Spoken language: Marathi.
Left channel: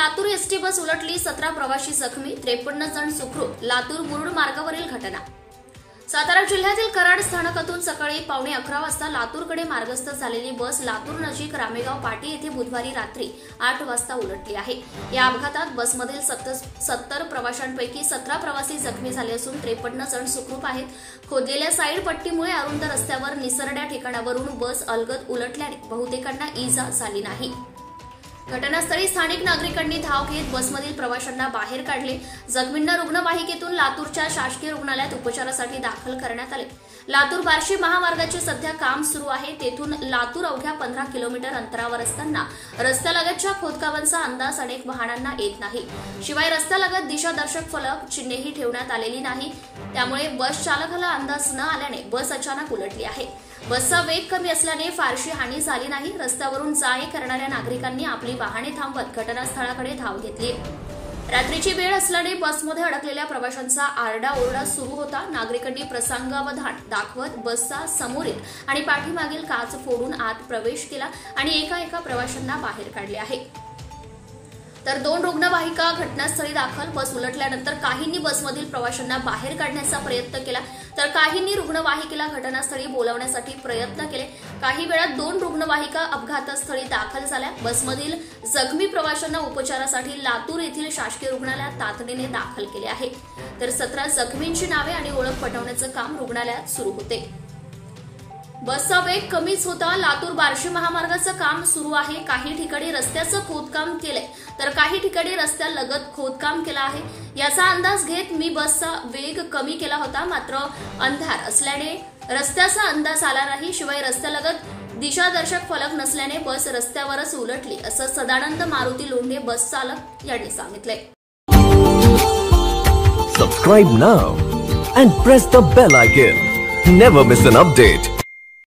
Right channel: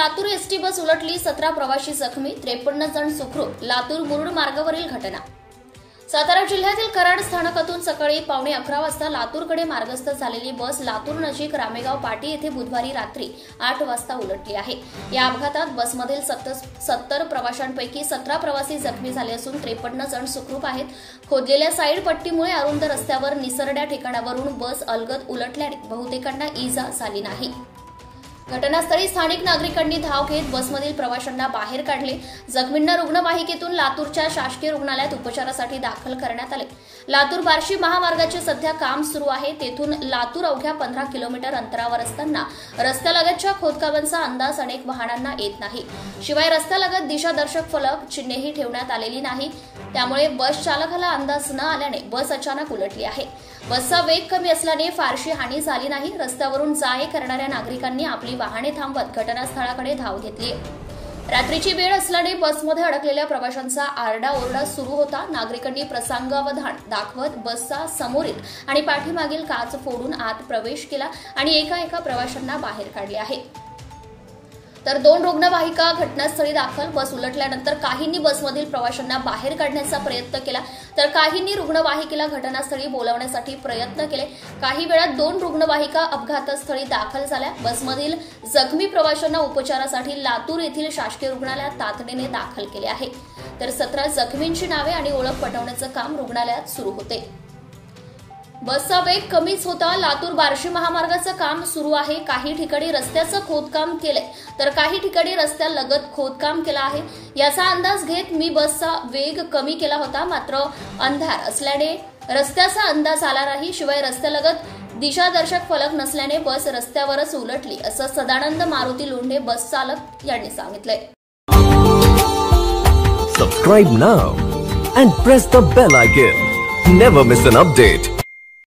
लातूर एसटी बस उलटली, 17 प्रवासी जखमी, 53 जण सुखरूप. लातूर मुरुड मार्गावरील घटना. सातारा जिल्ह्यातील कराड स्थानकातून सकाळी 11:15 वाजता लातूरकडे मार्गस्थ झालेली बस लातूर नजीक रामेगाव पाटी येथे बुधवारी रात्री 8 वाजता उलटली आहे. या अपघातात बसमधील 70 प्रवाशांपैकी 17 प्रवासी जखमी झाले असून 53 जण सुखरूप आहेत. खोदलेल्या साईड पट्टीमुळे अरुंद रस्त्यावर निसरड्या ठिकाणावरून बस अलगद उलटल्याने बहुतेकांना इजा झाली नाही. घटनास्थळी स्थानिक नागरिकांनी धाव घेत बसमधील प्रवाशांना बाहेर काढले. जखमींना रुग्णवाहिकेतून लातूरच्या शासकीय रुग्णालयात उपचारासाठी दाखल करण्यात आले. लातूर बार्शी महामार्गाचे सध्या काम सुरू आहे. तेथून लातूर अवघ्या 15 किलोमीटर अंतरावर असताना रस्त्यालगतच्या खोदकामांचा अंदाज अनेक वाहनांना येत नाही. शिवाय रस्त्यालगत दिशादर्शक फलक चिन्हेही ठेवण्यात आलेली नाही. त्यामुळे बस चालकाला अंदाज न आल्याने बस अचानक उलटली आहे. बसचा वेग कमी असल्याने फारशी हानी झाली नाही. रस्त्यावरून जा-ये करणाऱ्या नागरिकांनी आपली वाहने थांबवत घटनास्थळाकडे धाव घेतली. रात्रीची वेळ असल्याने बसमध्ये अडकलेल्या प्रवाशांचा आरडाओरडा सुरू होता. नागरिकांनी प्रसंगावधान दाखवत बसचा समोरील आणि पाठीमागील काच फोडून आत प्रवेश केला आणि एका प्रवाशांना बाहेर काढले आहे. तर 2 रुग्णवाहिका घटनास्थळी दाखल. बस उलटल्यानंतर काहींनी बसमधील प्रवाशांना बाहेर काढण्याचा प्रयत्न केला, तर काहींनी रुग्णवाहिकेला घटनास्थळी बोलावण्यासाठी प्रयत्न केले. काही वेळात 2 रुग्णवाहिका अपघातस्थळी दाखल झाल्या. बसमधील जखमी प्रवाशांना उपचारासाठी लातूर येथील शासकीय रुग्णालयात तातडीने दाखल केले आहे. तर 17 जखमींची नावे आणि ओळख पटवण्याचं काम रुग्णालयात सुरू होते. बसचा वेग कमीच होता. लातूर बार्शी महामार्गाचं काम सुरू आहे. काही ठिकाणी रस्त्याचं खोदकाम केलंय, तर काही ठिकाणी रस्त्यालगत खोदकाम केलं आहे. याचा अंदाज घेत मी बसचा वेग कमी केला होता, मात्र अंधार असल्याने रस्त्याचा अंदाज आला नाही. शिवाय रस्त्यालगत दिशादर्शक फलक नसल्याने बस रस्त्यावरच उलटली, असं सदानंद मारुती लोंढे बस चालक यांनी सांगितलंय. Subscribe now and press the bell icon. Never miss an update.